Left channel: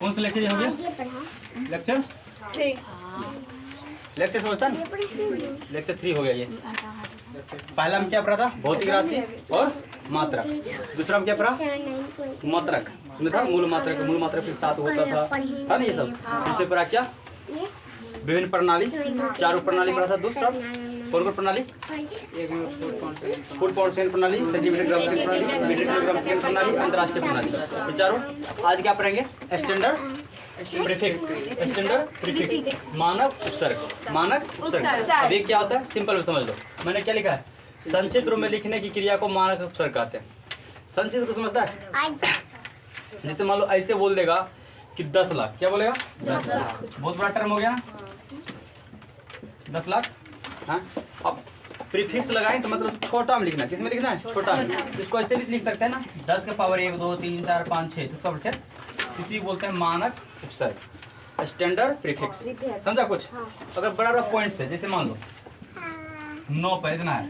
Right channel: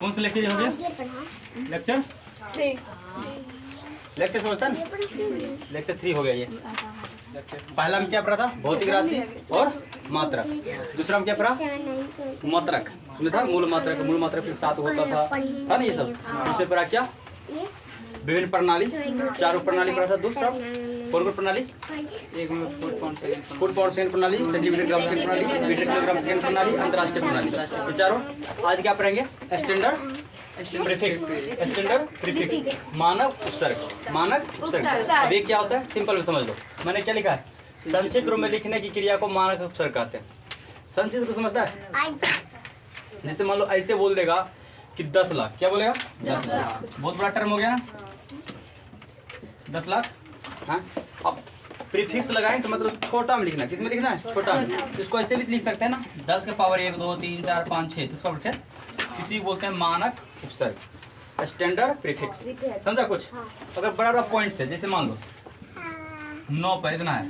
कौन सा लेक्चर हो गया? लेक्चर लेक्चर समझता ना? लेक्चर 3 हो गया ये। पहला में क्या पढ़ा था? भौतिक राशि और मात्रक। दूसरा में क्या पढ़ा? मात्रक। सुना था मूल मात्रक। मूल मात्रक के साथ होता था ना ये सब। दूसरे पढ़ा क्या? विभिन्न प्रणाली, चारों प्रणाली पढ़ा था। दूसरा कौन प्रणाली? फुट पावर सेकंड प्रणाली, सेंटीमीटर ग्राम सेकंड प्रणाली, मीटर किलोग्राम सेकंड प्रणाली, अंतरराष्ट्रीय प्रणाली। ये चारों आज क्या पढ़ेंगे? Standard prefix. स्टैंडर्ड प्रीफिक्स मानक उपसर्ग। मानक उपसर्ग। अब ये क्या होता है? सिंपल में समझ लो। मैंने क्या लिखा है? संक्षिप्त रूप में लिखने की क्रिया को मानक उपसर्ग कहते हैं। संक्षिप्त रूप समझता है? जैसे मान लो ऐसे बोल देगा कि 10 लाख। क्या बोलेगा? 10 लाख। बहुत बड़ा टर्म हो गया ना, 10 लाख। हाँ, अब प्रीफिक्स लगाएं तो मतलब छोटा में लिखना। किस में लिखना है? छोटा में। तो इसको ऐसे भी लिख सकते हैं ना, 10 के पावर 1 2 3 4 5 6, 10 पावर 6। इसी बोलते हैं मानक उपसर्ग, स्टैंडर्ड प्रीफिक्स। समझा कुछ? अगर बड़ा बड़ा पॉइंट्स है, जैसे मान लो 9 पे इतना है,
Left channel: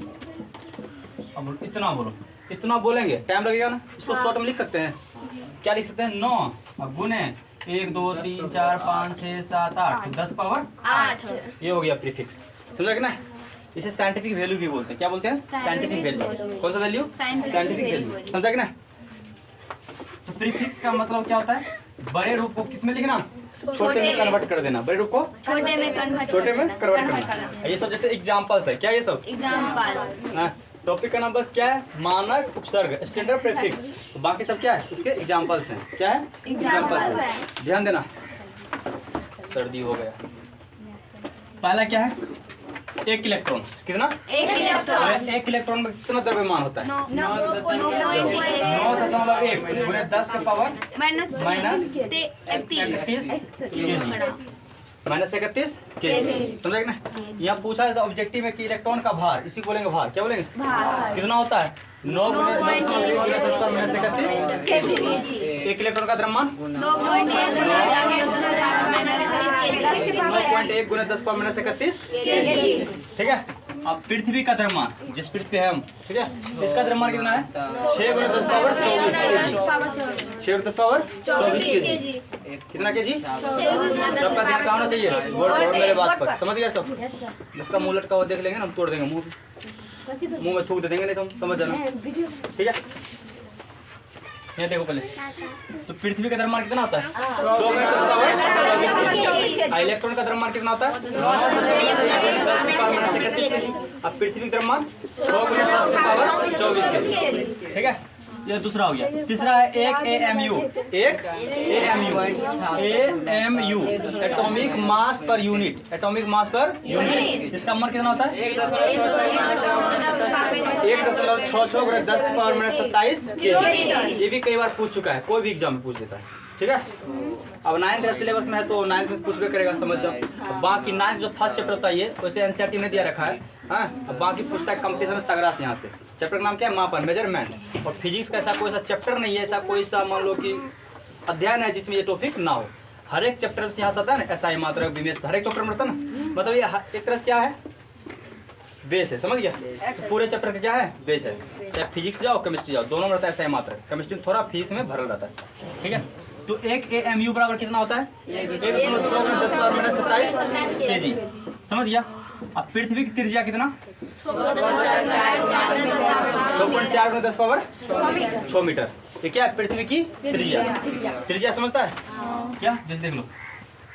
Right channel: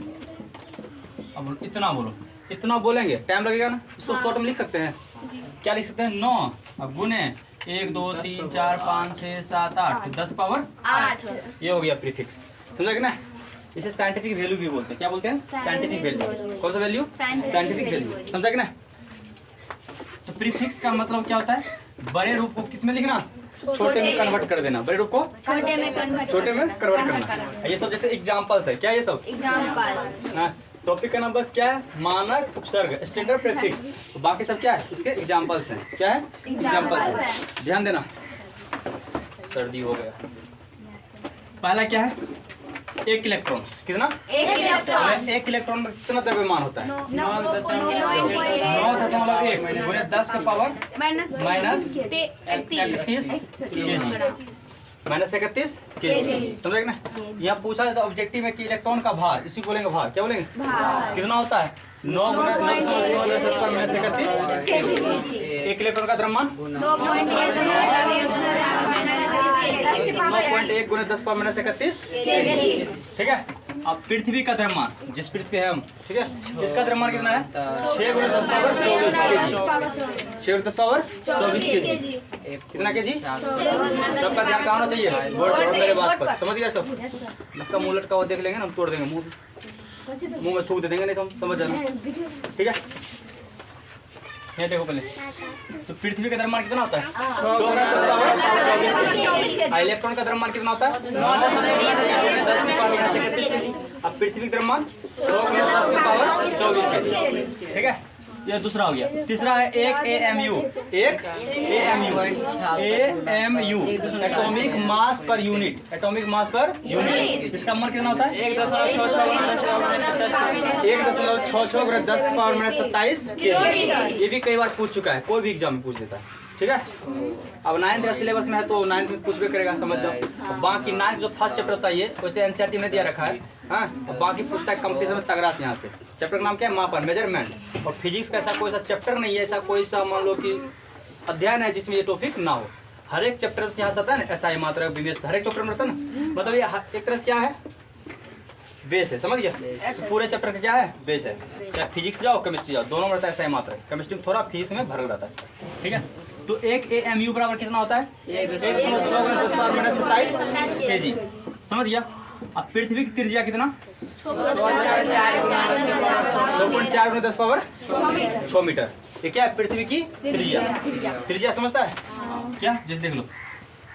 अब इतना बोलो, इतना बोलेंगे टाइम लगेगा ना। इसको शॉर्ट में लिख सकते हैं। क्या लिख सकते हैं? 9 अब गुने 1 2 3 4 5 6 7 8, 10 पावर 8। ये हो गया प्रीफिक्स। समझा कि ना? इसे साइंटिफिक वैल्यू भी बोलते हैं। क्या बोलते हैं? Scientific value. कौन सा वैल्यू? Scientific value. समझा कि ना? तो प्रीफिक्स का मतलब क्या होता है? बड़े रूप को किस में लिखना? छोटे में कन्वर्ट कर देना। बड़े रूप को छोटे में कन्वर्ट करना। ये सब जैसे एग्जांपल्स है। क्या ये सब? एग्जांपल। हाँ, टॉपिक का नाम बस क्या है? मानक उपसर्ग, स्टैंडर्ड प्रीफिक्स। तो बाकी सब क्या है? उसके एग्जांपल्स हैं। क्या है? एग्जांपल्स है। ध्यान देना। सर्दी हो गया। पहला क्या है? 1 इलेक्ट्रॉन। कितना? 1 इलेक्ट्रॉन। 1 इलेक्ट्रॉन में कितना द्रव्यमान होता है? 9.1 गुणे 10 का power minus 31 kg। Minus 31 kg। समझा ना? यहाँ पूछा जाता है ऑब्जेक्टिव में कि इलेक्ट्रॉन का भार, इसी को बोलेंगे भार। क्या बोलेंगे? कितना होता है? 9 गुणे 10 पर माइनस 31 1 इलेक्ट्रॉन का द्रव्यमान 9.1 गुणे 10 पर माइनस 31 kg। ठीक है। अब पृथ्वी का द्रव्यमान, जिस पृथ्वी पे है हम, ठीक है, इसका द्रव्यमान कितना है? 6 गुणे 10 पावर 24 kg। 6 गुणे 10 पावर 24 kg। कितना kg? सबका ध्यान कहाँ होना चाहिए? और मेरे बात पर समझ गया सब? जिसका मुंह लटका हुआ देख लेंगे ना, हम तोड़ देंगे मुंह में थूक दे देंगे, नहीं तो हम समझ जाना। ठीक है, ये देखो पहले तो पृथ्वी का द्रव्यमान कितना होता है? 6 गुणे 10 पावर 24 kg। इलेक्ट्रॉन का द्रव्यमान कितना होता है? 10 की पावर माइनस 31 kg। अब पृथ्वी का द्रव्यमान 6 गुणे 10 की पावर 24 kg। ठीक है, ये दूसरा हो गया। तीसरा है 1 AMU। 1 AMU atomic mass per unit. Atomic mass per unit. इसका मान कितना होता है? 1.66 गुणे 10 पावर माइनस 27 kg। ये भी कई बार पूछ चुका है, कोई भी एग्जाम में पूछ लेता है। ठीक है, अब 9th का सिलेबस में है तो 9th में पूछबे करेगा, समझ जाओ। बाकी 9th जो फर्स्ट चैप्टर होता है, ये वैसे एनसीईआरटी में दिया रखा है। हाँ, बाकी पूछता है कंपटीशन में तगड़ा से। यहाँ से चैप्टर का नाम क्या है? मापन, मेजरमेंट। और फिजिक्स का ऐसा कोई सा चैप्टर नहीं है, ऐसा कोई सा मान लो कि अध्ययन है जिसमें ये टॉपिक ना हो। हर एक चैप्टर से यहाँ से आता है ना, ऐसा ही मात्रा विवेश, हर एक चैप्टर में रहता है ना। मतलब ये एक तरह से क्या है? बेस है। समझ गया? तो पूरे चैप्टर का क्या है? बेस है। चाहे फिजिक्स जाओ केमिस्ट्री जाओ, दोनों में रहता है ऐसा ही मात्रा। केमिस्ट्री में थोड़ा फीस में भरल रहता है। ठीक है, तो 1 AMU बराबर कितना होता है? 1.10 पावर माइनस 27 kg। समझ गया? अब पृथ्वी की त्रिज्या कितना? 6.4 गुणे 10 पावर 6 मीटर। ये क्या है? पृथ्वी की त्रिज्या। त्रिज्या समझता है क्या? जैसे देख लो,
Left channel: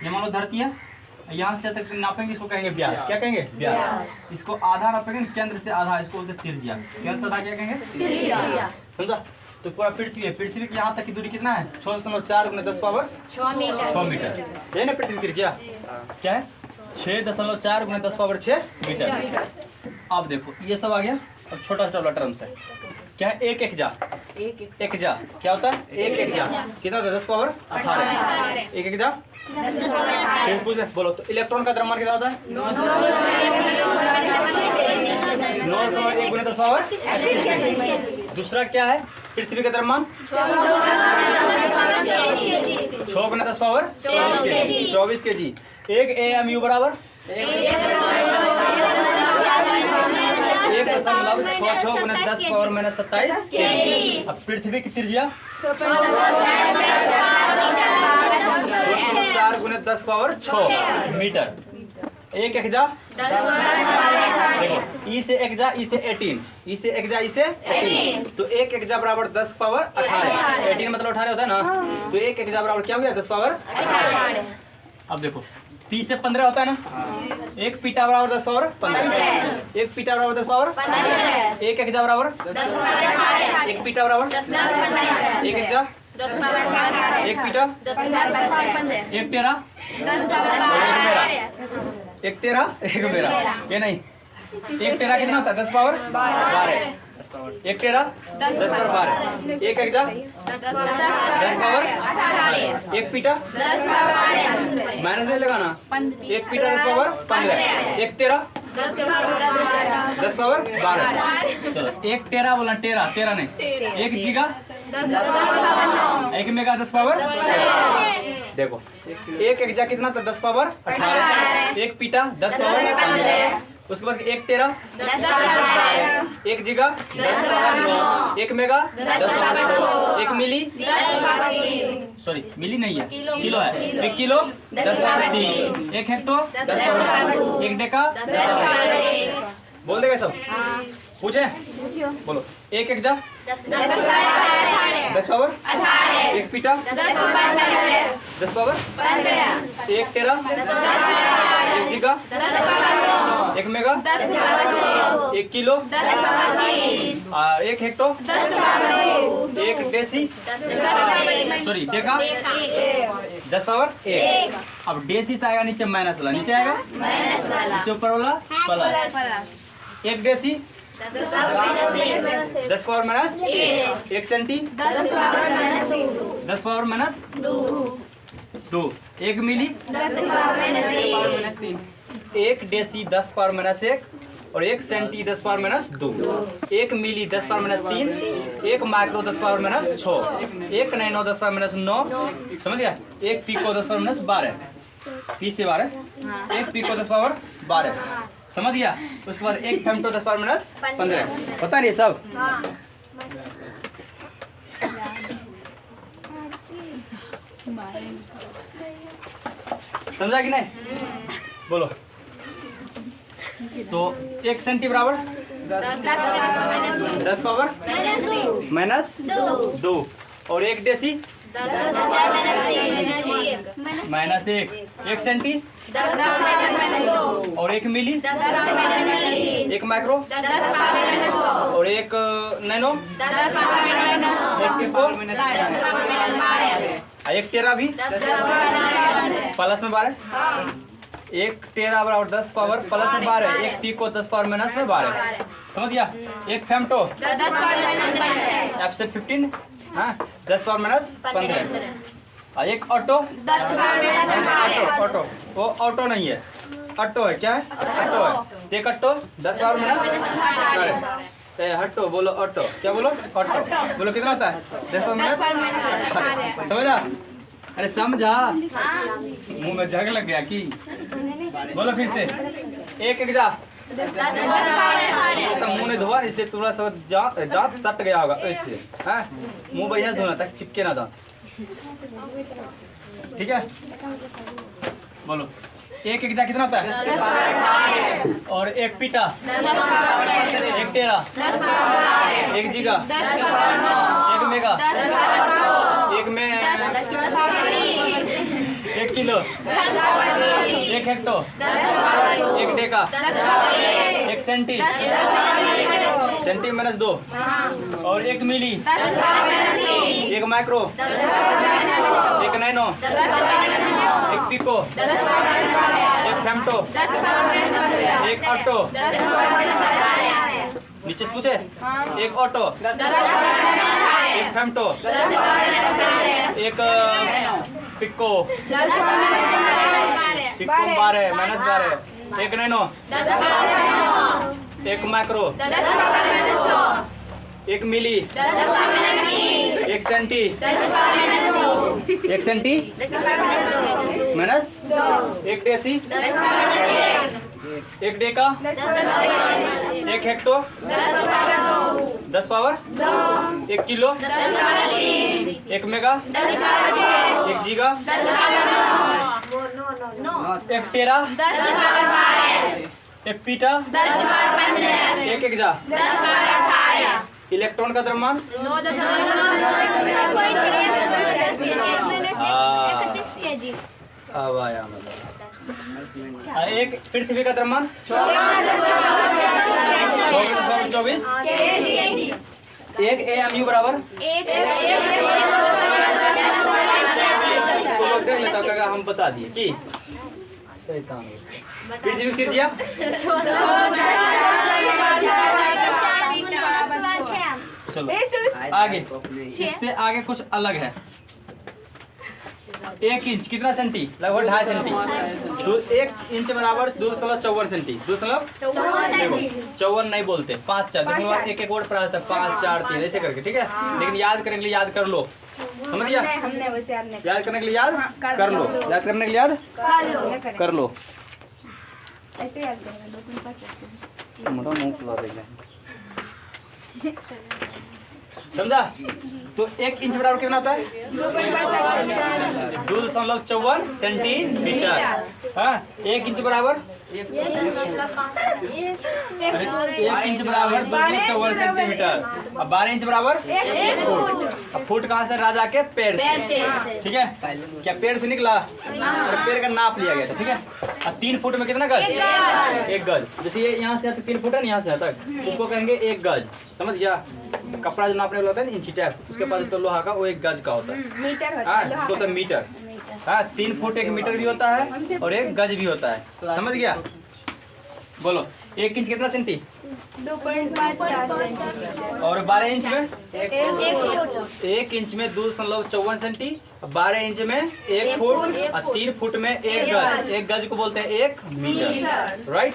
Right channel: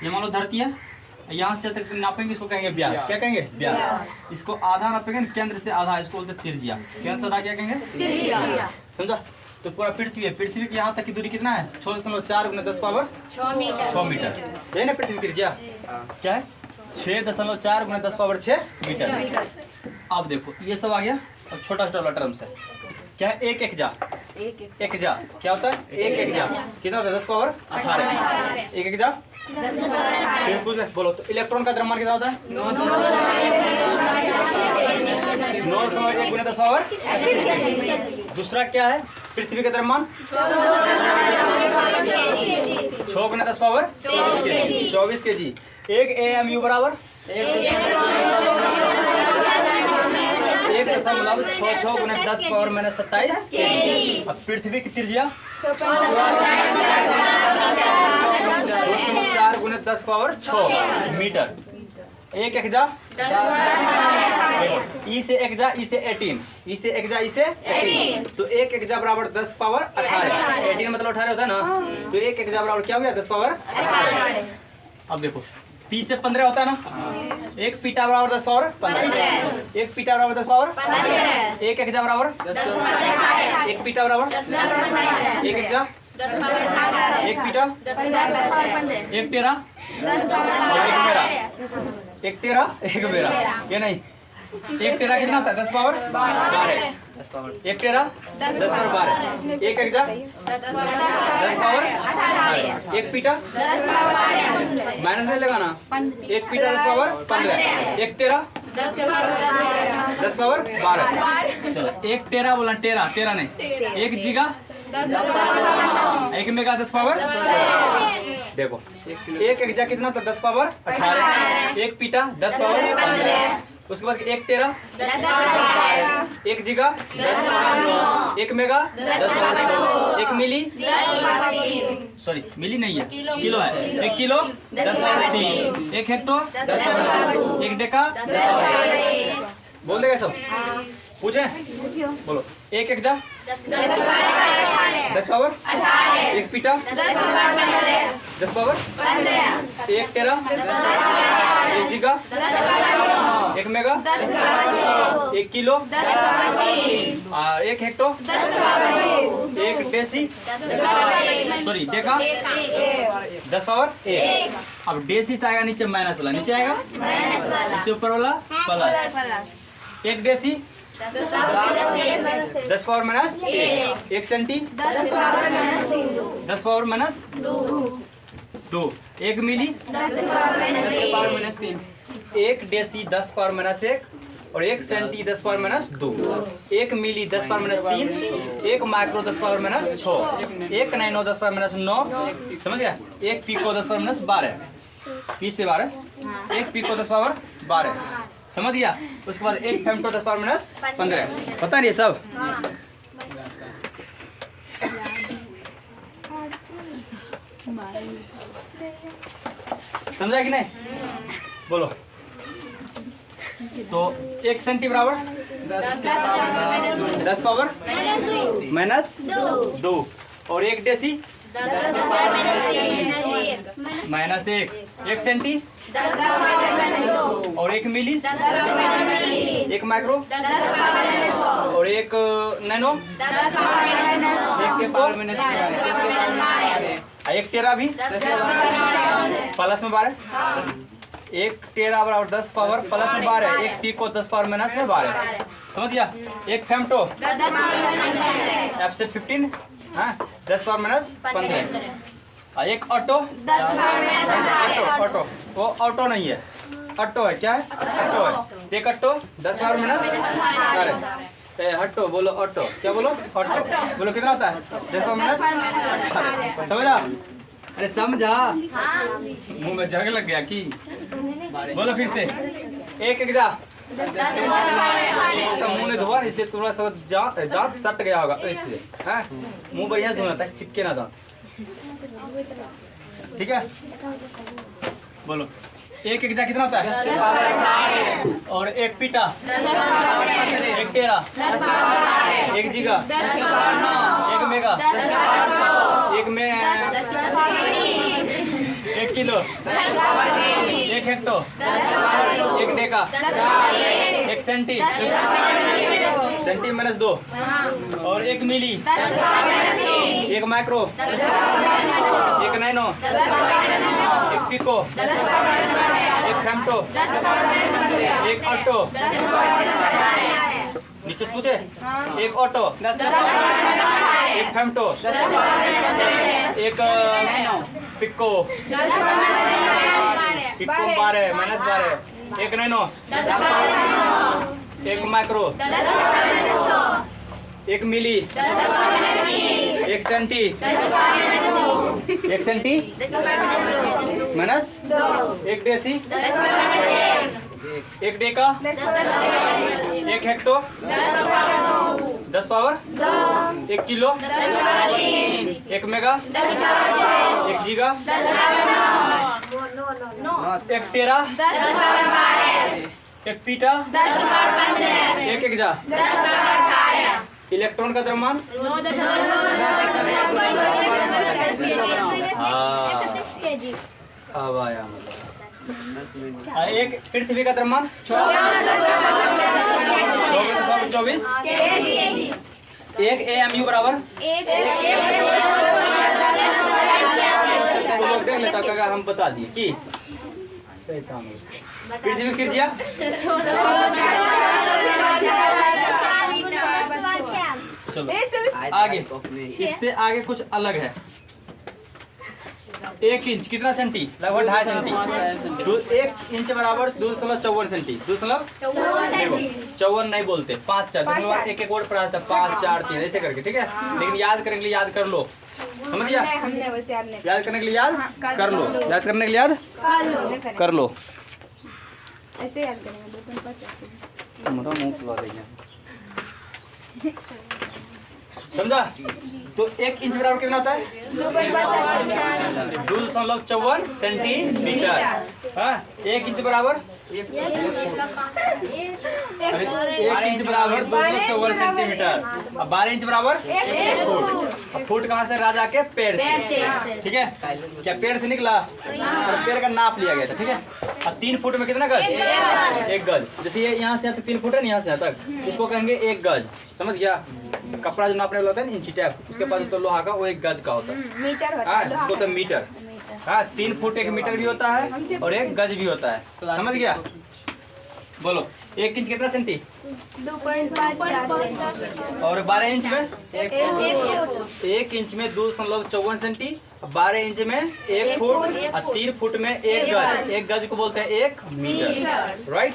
ये मान लो धरती है, यहाँ से तक नापेंगे, इसको कहेंगे व्यास। क्या कहेंगे? व्यास। इसको आधा नापेंगे, केंद्र से आधा, इसको बोलते हैं त्रिज्या। केंद्र से आधा क्या कहेंगे? त्रिज्या। समझा? तो पूरा पृथ्वी है, पृथ्वी की यहाँ तक की दूरी कितना है? 6.4 गुणे 10 पावर 6 मीटर। है ना पृथ्वी त्रिज्या? क्या है? 6.4 गुणे 10 पावर 6 मीटर। अब देखो ये सब आ गया। अब छोटा छोटा टर्म्स है। क्या है? 1 एकजा। 1 एकजा क्या होता है? 1 एकजा कितना होता है? 10 पावर 18। 1 एकजा फिर पूछ ले, बोलो तो इलेक्ट्रॉन का द्रव्यमान कितना होता है? 9.1 गुणे 10 पावर। दूसरा क्या है? पृथ्वी का द्रव्यमान 6 गुणे 10 पावर 24 kg। 1 AMU बराबर 1 1.66 गुना 10 पावर माइनस 27 केजी। अब पृथ्वी की त्रिज्या 4 गुना 10 पावर 6 मीटर। एक एक जा देखो, ई से एक जा, ई से 18, ई से एक जा, ई से 18, तो एक एक जा बराबर 10 पावर 18। 18 मतलब 18 होता है ना, तो एक एक जा बराबर क्या हो गया 10 पावर 18। अब देखो पी से 15 होता है ना, एक पीटा बराबर 10 पावर 15, एक पीटा बराबर 10 पावर 15, एक एक जा बराबर 10 पावर, एक पीटा बराबर 10 पावर, एक एक जा 10 पावर, एक पीटा 10 पावर, एक तेरा और एक मेरा, एक तेरा एक मेरा, ये नहीं, एक तेरा कितना होता है 10 पावर 12, एक तेरा 10 पावर 12, एक एक जा 10 पावर 18, एक पीटा माइनस नहीं लगाना, एक पीटा 10 पावर 15, एक तेरा 10 पावर 12। चलो एक तेरा बोला, तेरा तेरा नहीं, एक जीगा, एक मेगा 10 पावर। देखो एक एक जा कितना था 10 पावर 18, एक पीटा 10 पावर 15, उसके बाद एक तेरा 10 पावर 12, एक जीगा 10 पावर 9, एक मेगा 10 पावर 6, एक मिली सॉरी मिली नहीं है किलो है, एक किलो 10 पावर 3, एक हेक्टो 10 पावर 2, एक डेका 10 पावर। बोल देगा सब, पूछे बोलो। एक एक जा 10 पावर 18, एक पीटा 10 पावर 15, एक तेरा, एक जीगा, एक मेगा, एक किलो, एक हेक्टो, एक देसी सॉरी डेका 10 पावर 1। अब देसी से आएगा नीचे माइनस वाला, नीचे आएगा नीचे ऊपर वाला प्लस, एक देसी 10 पावर माइनस 1, एक सेंटी 10 पावर माइनस 2, एक मिली 10 पावर माइनस 3, एक डेसी 10 पावर माइनस 1 और एक सेंटी 10 पावर माइनस 2, एक मिली 10 पावर माइनस 3, एक माइक्रो 10 पावर माइनस 6, एक नैनो 10 पावर माइनस 9, समझ गया, एक पिको 10 पावर माइनस 12, 20 से 12, एक पिको 10 पावर 12, समझ गया। उसके बाद एक फेमटो 10 पावर माइनस 15, पता नहीं सब। समझा कि नहीं, बोलो। तो एक सेंटी बराबर 10 पावर माइनस 2 और एक डेसी माइनस 1, एक सेंटी और एक मिली, एक माइक्रो और एक नैनो, एक पिको, एक टेरा भी प्लस में 12, एक टेरा बराबर 10 पावर प्लस में 12, एक पिको 10 पावर माइनस में 12, समझ गया। एक फेमटो एफ से 15, हाँ 10 पावर माइनस 15, एक ऑटो ऑटो वो ऑटो नहीं है, ऑटो है, क्या है ऑटो है, एक ऑटो 10 पावर माइनस 12, हटो बोलो ऑटो, क्या बोलो ऑटो बोलो, कितना होता है 10 पावर माइनस 18, समझा। अरे समझा, मुंह में जग लग गया कि, बोलो फिर से। एक एक जा तो मुंह ने धोआ इसलिए थोड़ा सा दांत सट गया होगा, इसलिए हाँ मुंह बढ़िया धोना ताकि चिपके ना दांत, ठीक है। बोलो एक एक जा कितना होता है, और एक पीटा, एक टेरा, एक जीगा, एक मेगा, एक में एक किलो, एक हेक्टो, एक डेका, एक सेंटी, सेंटी माइनस 2 और एक मिली, एक माइक्रो, एक नैनो, एक पिको, एक फेमटो, एक ऑटो, नीचे से पूछे, एक ऑटो, एक फेमटो, एक पिको, पिको 12 माइनस 12, एक नैनो, एक माइक्रो, एक मिली, एक सेंटी, एक सेंटी माइनस, एक deci, 1 deca, 1 hecto, 10 power, 1 kilo, 1 mega, 1 giga, 1 tera, 1 peta, 1 एक्जा। Electron का द्रव्यमान अब आया मतलब। एक पृथ्वी का द्रव्यमान 24। 1 AMU बराबर तो लोग देख लेता का हम बता दिए कि शैतान पृथ्वी की त्रिज्या चलो आगे, इससे आगे कुछ अलग है। 1 इंच कितना सेंटी? लगभग 2.5 सेंटी। 1 इंच बराबर 2.54 सेंटी। 2.54 नहीं बोलते, 5 4 एक एक वर्ड पढ़ा था, 5 4 3 ऐसे करके, ठीक है। लेकिन याद करने के लिए याद कर लो, समझ गया? याद करने के लिए याद कर लो, याद करने के लिए याद कर लो। ऐसे याद करेंगे 2 3 5 हमारा मुंह खुला देंगे, समझा? तो 1 इंच बराबर कितना होता है? 2.54 सेंटीमीटर। हाँ, 1 इंच बराबर 1 इंच बराबर 2.54 सेंटीमीटर। अब 12 इंच बराबर 1 फुट। अब फुट कहाँ से? राजा के पैर से, ठीक है। क्या पैर से निकला और पैर का नाप लिया गया था, ठीक है। अब 3 फुट में कितना गज? 1 गज। जैसे ये यहाँ से 3 फुट है ना, यहाँ से तक, इसको कहेंगे 1 गज। समझ गया? कपड़ा जो नापने वाला होता है ना, इंची टेप, उसके पास तो लोहा का वो 1 गज का होता है। मीटर होता हाँ, है, इसको तो मीटर। हाँ, 3 फुट 1 मीटर भी होता है और 1 गज भी होता है। समझ गया? बोलो 1 इंच कितना सेंटी? 2.5 और 12 इंच में 1 इंच में 2.54 सेंटी, 12 इंच में 1 फुट और 3 फुट में 1 गज। 1 गज को बोलते हैं 1 मीटर, राइट।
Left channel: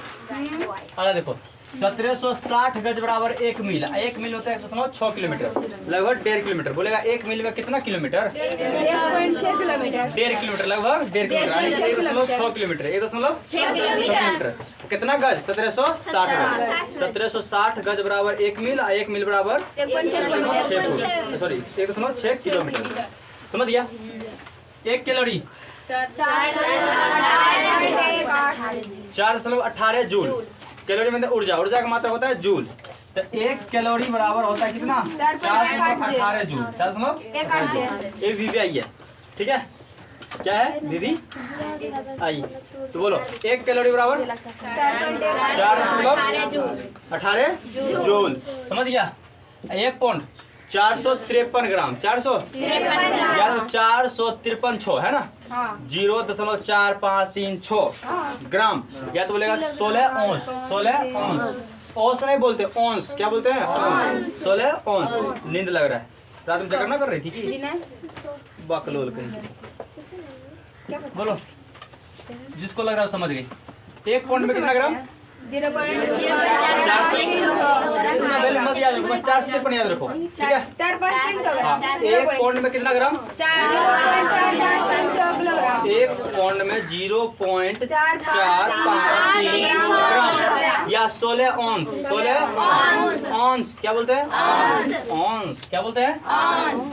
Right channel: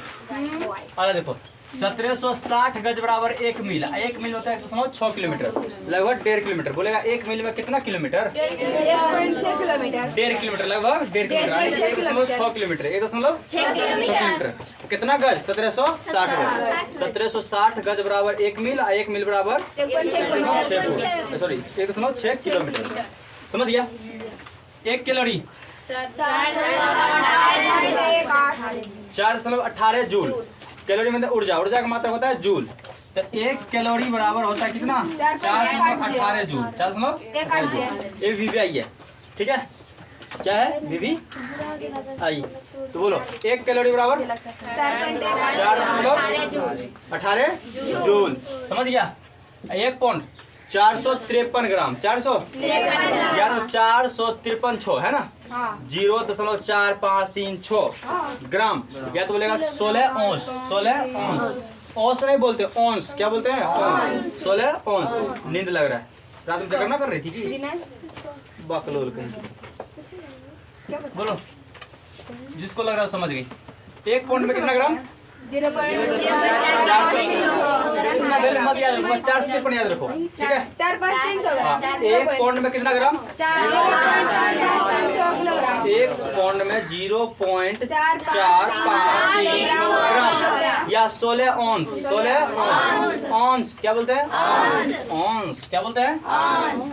अरे देखो 1760 गज बराबर 1 मील। 1 मील होता है 1.6 किलोमीटर, लगभग 1.5 किलोमीटर। बोलेगा 1 मील में कितना किलोमीटर? 1.6 किलोमीटर। 1.5 किलोमीटर, लगभग 1.5 किलोमीटर, 1.6 किलोमीटर, 1.6 किलोमीटर। कितना गज? 1760 गज। 1760 गज बराबर 1 मील, 1 मील बराबर 1.6 फुट, सॉरी 1.6 किलोमीटर। समझ गया? 1 कैलोरी 4.18 जूल। कैलोरी में ऊर्जा, ऊर्जा का मात्रा होता है जूल। तो 1 कैलोरी बराबर होता है कितना? 418 जूल। 418 जूल। ये वीवी आई है, ठीक है। क्या है? वीवी आई। तो बोलो 1 कैलोरी बराबर 4.18 जूल। समझ गया? 1 पाउंड 453 ग्राम। 400 याद 453 है ना, 0.4536 ग्राम। या तो बोलेगा 16 औंस। 16 औंस, औंस नहीं बोलते, औंस। क्या बोलते हैं? 16 औंस। नींद लग रहा है, रात में जगह ना कर रही थी कि बकलोल कहीं। बोलो जिसको लग रहा है समझ गई। 1 पाउंड में कितना ग्राम? 400 मत याद रखो, बस 453 याद रखो, ठीक है। 4 5 3 हाँ, 1 पाउंड में कितना ग्राम? 1 पाउंड में 0.453 ग्राम या 16 औंस। 16 औंस क्या बोलते हैं? औंस क्या बोलते हैं?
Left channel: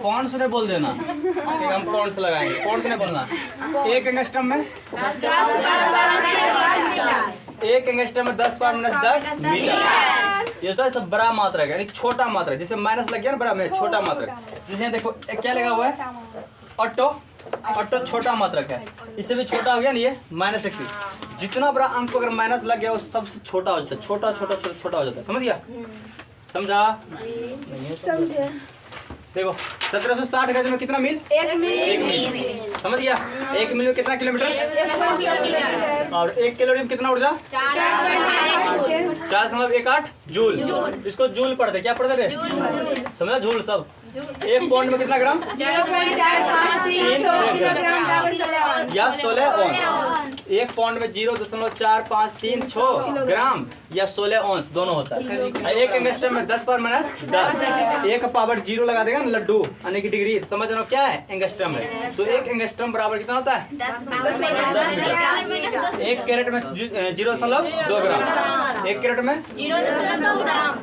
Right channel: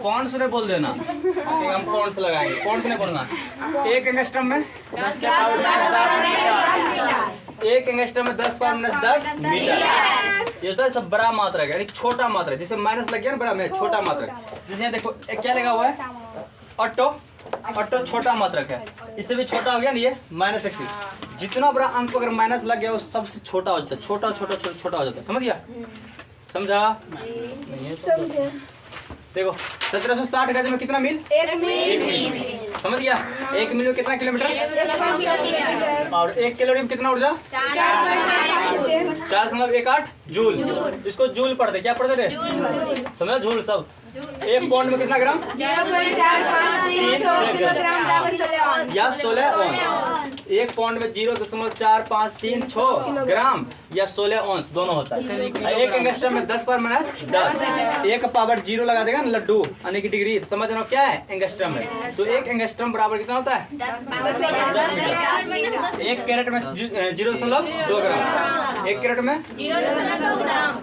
पौंड्स नहीं बोल देना, हम पौंड्स लगाएंगे, पौंड्स नहीं बोलना। 1 एंगस्ट्रम में 1 एंगस्ट्रम में 10 पावर -10 मीटर। ये तो सब बड़ा मात्रक है, यानी छोटा मात्रक। जैसे माइनस लग गया ना, बड़ा में छोटा मात्रक। जैसे देखो क्या लगा हुआ है? ऑटो। ऑटो छोटा मात्रक है, इससे भी छोटा हो गया ना, ये -31। जितना बड़ा अंक अगर माइनस लग गया वो सबसे छोटा हो जाता है, छोटा छोटा छोटा छोटा हो जाता है। समझ गया? समझा? नहीं है तो देखो 1760 गज में कितना मील? 1 मील। समझ गया? 1 मील में कितना किलोमीटर? और 1 कैलोरी में कितना ऊर्जा? 4.18 जूल। इसको जूल पढ़ते, क्या पढ़ते थे? समझा? जूल सब। 1 पाउंड में कितना ग्राम? 0.453 किलोग्राम या 16 औंस। 1 पाउंड में 0.4536 ग्राम या 16 औंस दोनों होता है। 1 एंगस्ट्रम में 10 पर -10, 1 पावर 0 लगा देगा ना लड्डू यानी कि डिग्री, समझ रहे हो क्या है एंगस्ट्रम है। तो 1 एंगस्ट्रम बराबर कितना होता है 10 मीटर। 1 कैरेट में 0.2 ग्राम, 1 कैरेट में 0.2 ग्राम,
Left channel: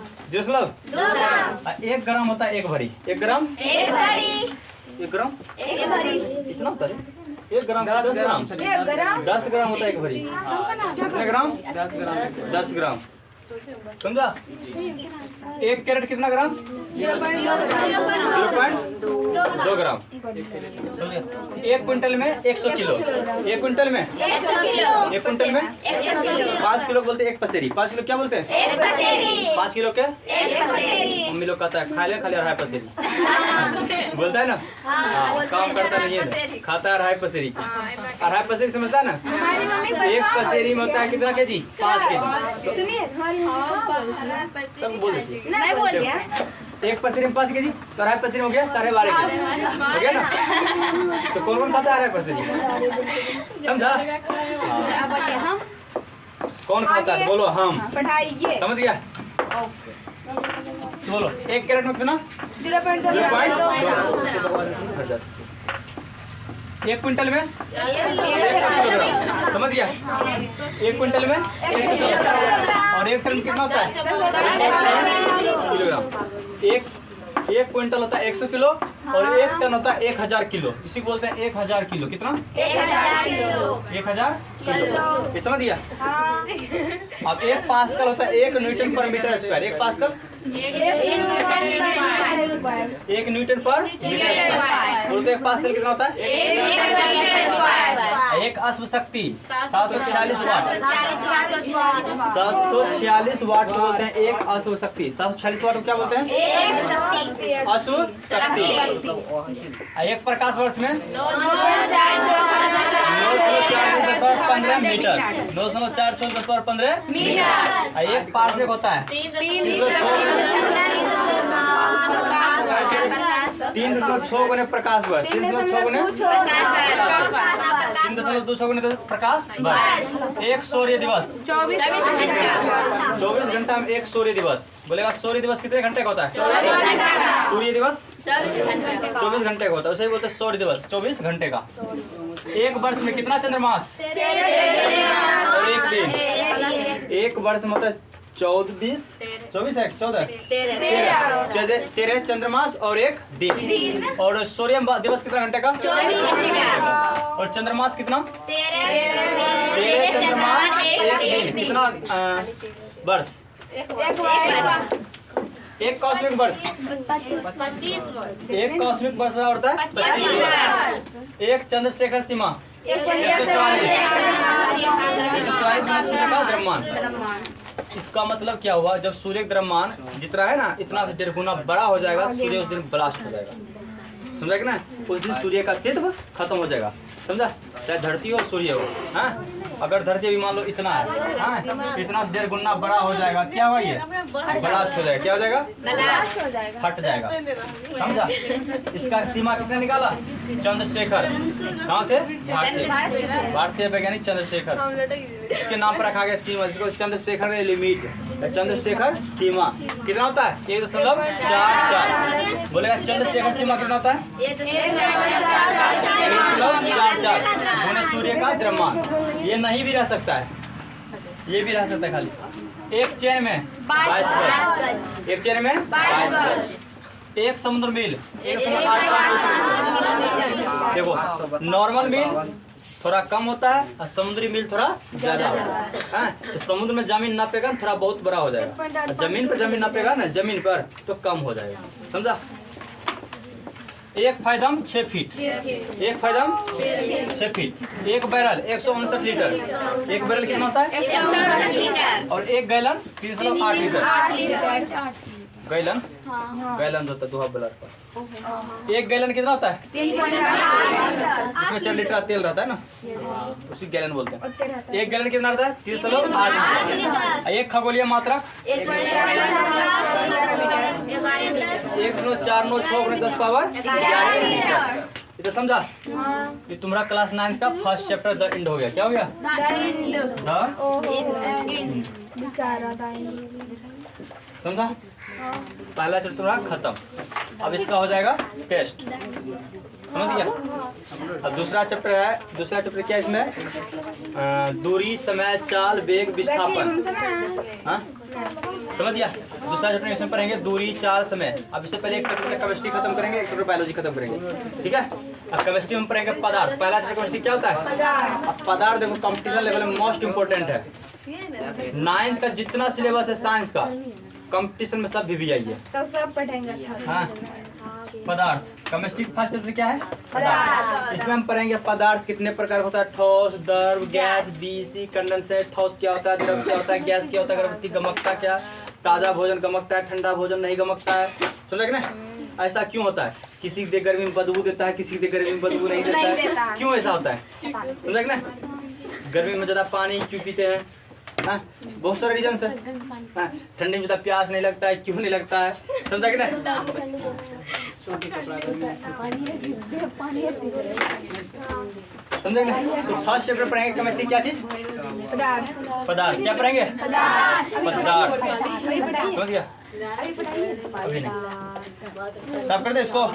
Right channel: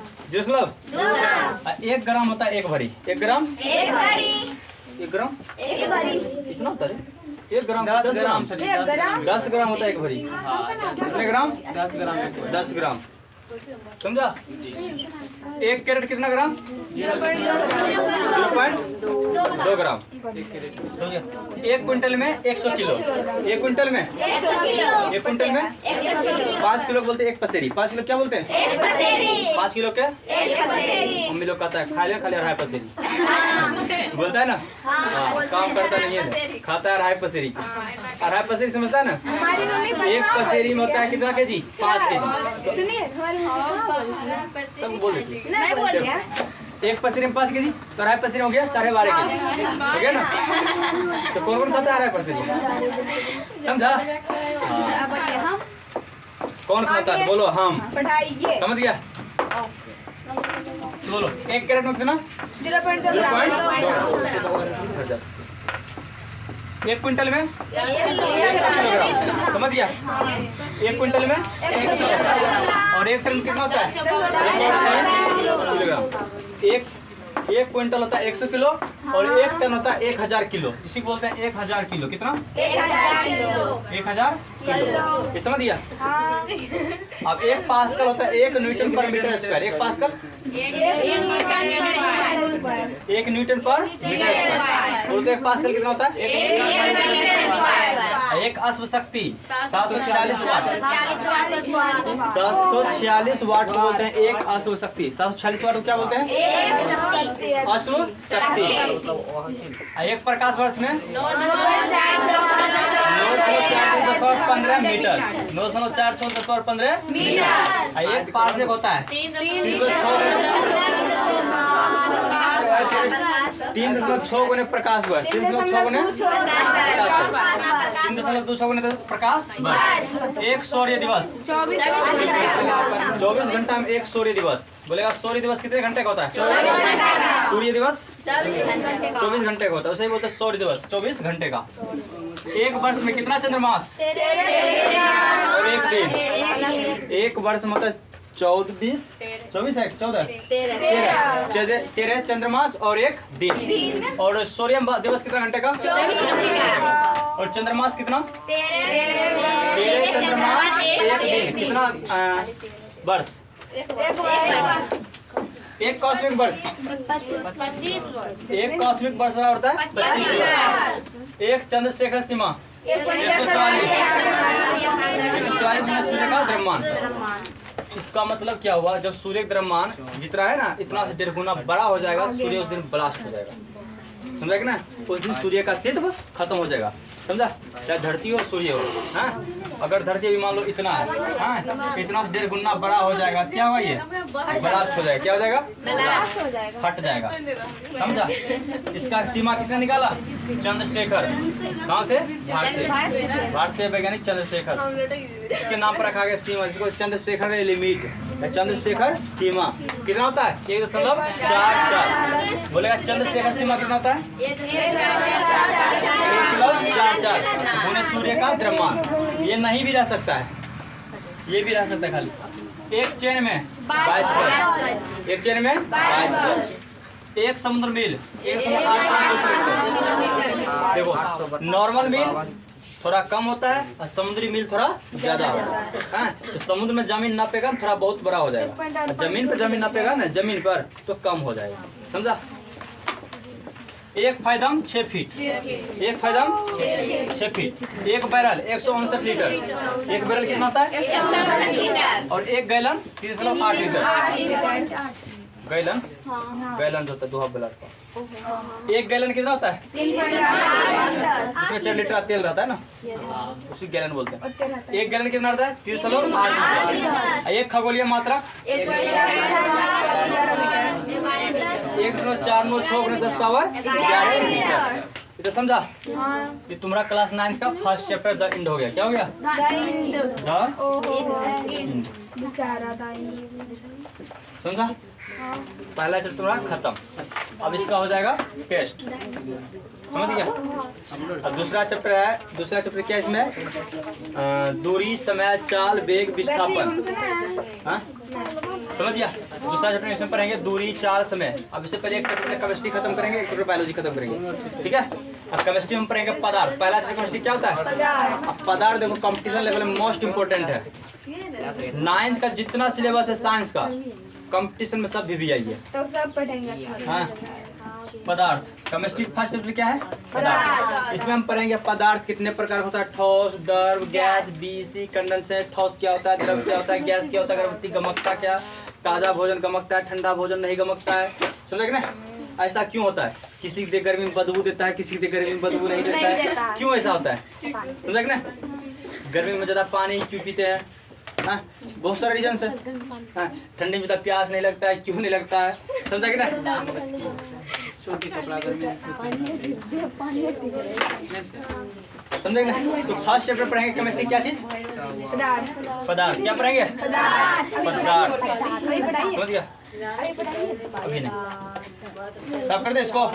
1 ग्राम होता है 1 भरी। 1 ग्राम 1 ग्राम कितना होता है 1 ग्राम 10 ग्राम 10 ग्राम होता है 1 भरी। कितने ग्राम 10 ग्राम, समझा। 1 कैरेट कितना ग्राम 0.2 ग्राम। 1 क्विंटल में 100 किलो, 1 क्विंटल में 1 क्विंटल में 5 किलो बोलते हैं 1 पसेरी। 5 किलो क्या बोलते हैं 5 किलो के मम्मी लोग कहता है खा ले 2.5 पसेरी बोलता है ना। हाँ, काम करता नहीं है, खाता है 2.5 पसेरी। 2.5 पसेरी समझता है ना। 1 पसेरी में होता है कितना केजी 5 केजी। सुनिए सब बोल देती है। नहीं बोल दिया 1 पसेरी में 5 केजी तो 2.5 पसेरी हो गया 12.5 केजी हो गया ना। तो कौन कौन खाता है 2.5 पसेरी समझा। हाँ। कौन खाता है बोलो हम, पढ़ाइए समझ गया। बोलो 1 कैरेट में कितना 0.2 1 क्विंटल में 100 किलोग्राम, समझ गया। 1 क्विंटल में 100 किलोग्राम और 1 टन कितना होता है 100 किलोग्राम। 1 क्विंटल होता है 100 किलो और 1 टन होता है 1000 किलो। इसी को बोलते हैं 1000 किलो। कितना 1000 किलो, ये समझ गया। अब 1 पास्कल होता है 1 न्यूटन पर मीटर स्क्वायर। 1 पास्कल 1 न्यूटन पर मीटर स्क्वायर। बोलते हैं 1 पास्कल कितना होता है 1 अश्व शक्ति 746 वाट। 746 वाट को बोलते हैं 1 अश्व शक्ति। 746 वाट को क्या बोलते हैं अश्व शक्ति। 1 प्रकाश वर्ष में 9.4 मीटर 9.4 मीटर। 1 पार्सेक होता है 3.6 गुने प्रकाश वर्ष। 3.6 गुने 3.26 गुने प्रकाश वर्ष। 1 सूर्य दिवस 24 घंटा में 1 सूर्य दिवस। बोलेगा सूर्य दिवस कितने घंटे का होता है सूर्य दिवस 24 घंटे का होता है, उसे ही बोलते हैं सूर्य दिवस 24 घंटे का। 1 वर्ष में कितना चंद्रमास और 1 दिन। 1 वर्ष में होता है 24 है 13 चंद्रमास और 1 दिन। और सूर्य दिवस कितना घंटे का और चंद्रमास कितना 13 चंद्रमास 1 दिन। कितना वर्ष 1 कॉस्मिक वर्ष 1 कॉस्मिक वर्ष होता है 25 वर्ष। 1 चंद्रशेखर सीमा 144 में सूर्य का द्रव्यमान। इसका मतलब क्या हुआ जब सूर्य द्रव्यमान जितना है ना इतना से 1.5 गुना बड़ा हो जाएगा सूर्य उस दिन ब्लास्ट हो जाएगा। समझा कि ना, उस दिन सूर्य का अस्तित्व खत्म हो जाएगा। समझा, चाहे धरती हो सूर्य हो। हाँ, अगर धरती भी मान लो इतना है, हाँ, इतना से 1.5 गुना बड़ा हो जाएगा, क्या हुआ ये ब्लास्ट हो जाएगा। क्या हो जाएगा फट जाएगा। समझा, इसका सीमा किसने निकाला चंद्रशेखर। कहाँ थे भारतीय वैज्ञानिक चंद्रशेखर। इसके नाम पर रखा गया सीमा, इसको चंद्रशेखर लिमिट। चंद्रशेखर सीमा कितना होता है 1.44। बोलेगा चंद्रशेखर सीमा कितना होता है 1.44 गुना सूर्य का द्रव्यमान। ये नहीं भी रह सकता है, ये भी रह सकता है खाली। 1 चेन में 22 गज। 1 चेन में 22 गज। 1 समुद्र मील 1.8। देखो नॉर्मल मील थोड़ा कम होता है और समुद्री मील थोड़ा ज्यादा होता है। हाँ, तो समुद्र में जमीन नापेगा थोड़ा बहुत बड़ा हो जाएगा, जमीन पर जमीन नापेगा ना जमीन पर तो कम हो जाएगा। समझा। 1 fathom 6 feet. 1 fathom 6 feet. 1 barrel 159 litre. 1 barrel कितना होता है और 1 गैलन 308 लीटर। गैलन गैलन होता है दोहा बलर पास। 1 गैलन कितना होता है इसमें 4 लीटर का तेल रहता है ना, उसी गैलन बोलते हैं। 1 गैलन कितना रहता है 308 लीटर। 1 खगोलीय मात्रक 1 1.49 पावर 11 मीटर। ये तो समझा? ये तुम्हारा क्लास 9 का फर्स्ट चैप्टर द इंड हो गया। क्या हो गया? समझा? पहला चैप्टर तुम्हारा खत्म। अब इसका हो जाएगा टेस्ट। समझ गया? अब दूसरा चैप्टर है। दूसरा चैप्टर क्या है इसमें? दूरी, समय, चाल, वेग, विस्थापन। हाँ, समझ गया? दूसरा चैप्टर इसमें पढ़ेंगे दूरी, चाल, समय। अब इससे पहले एक चैप्टर केमिस्ट्री खत्म करेंगे, एक चैप्टर बायोलॉजी खत्म करेंगे। ठीक है? अब केमिस्ट्री में पढ़ेंगे पदार्थ। पहला चैप्टर केमिस्ट्री क्या होता है? अब पदार्थ देखो कंपटीशन लेवल में मोस्ट इंपोर्टेंट है। 9th का जितना सिलेबस है साइंस का, कंपटीशन में सब भी आई है। तो सब पढ़ेंगे। हाँ, पदार्थ। केमिस्ट्री फर्स्ट चैप्टर क्या है? पदार्थ। इसमें हम पढ़ेंगे पदार्थ कितने प्रकार होता है। ठोस, द्रव, गैस, बीसी, कंडेंसेट। ठोस क्या होता है, द्रव क्या होता है, गैस क्या होता है, अगरबत्ती गमकता क्या, ताज़ा भोजन गमकता है, ठंडा भोजन नहीं गमकता है। समझा कि ना? ऐसा क्यों होता है? किसी के गर्मी में बदबू देता है, किसी के गर्मी में बदबू नहीं देता है। क्यों ऐसा होता है? समझा कि ना? गर्मी में ज़्यादा पानी क्यों पीते हैं? हाँ, बहुत सारे रीजन है। हाँ, ठंडी में ज़्यादा प्यास नहीं लगता है, क्यों नहीं लगता है? समझा कि ना? समझे ना? तो फर्स्ट चैप्टर पढ़ेंगे केमिस्ट्री क्या चीज? पदार्थ। क्या पढ़ेंगे? पदार्थ। समझ गया? अभी नहीं सब कर दे इसको।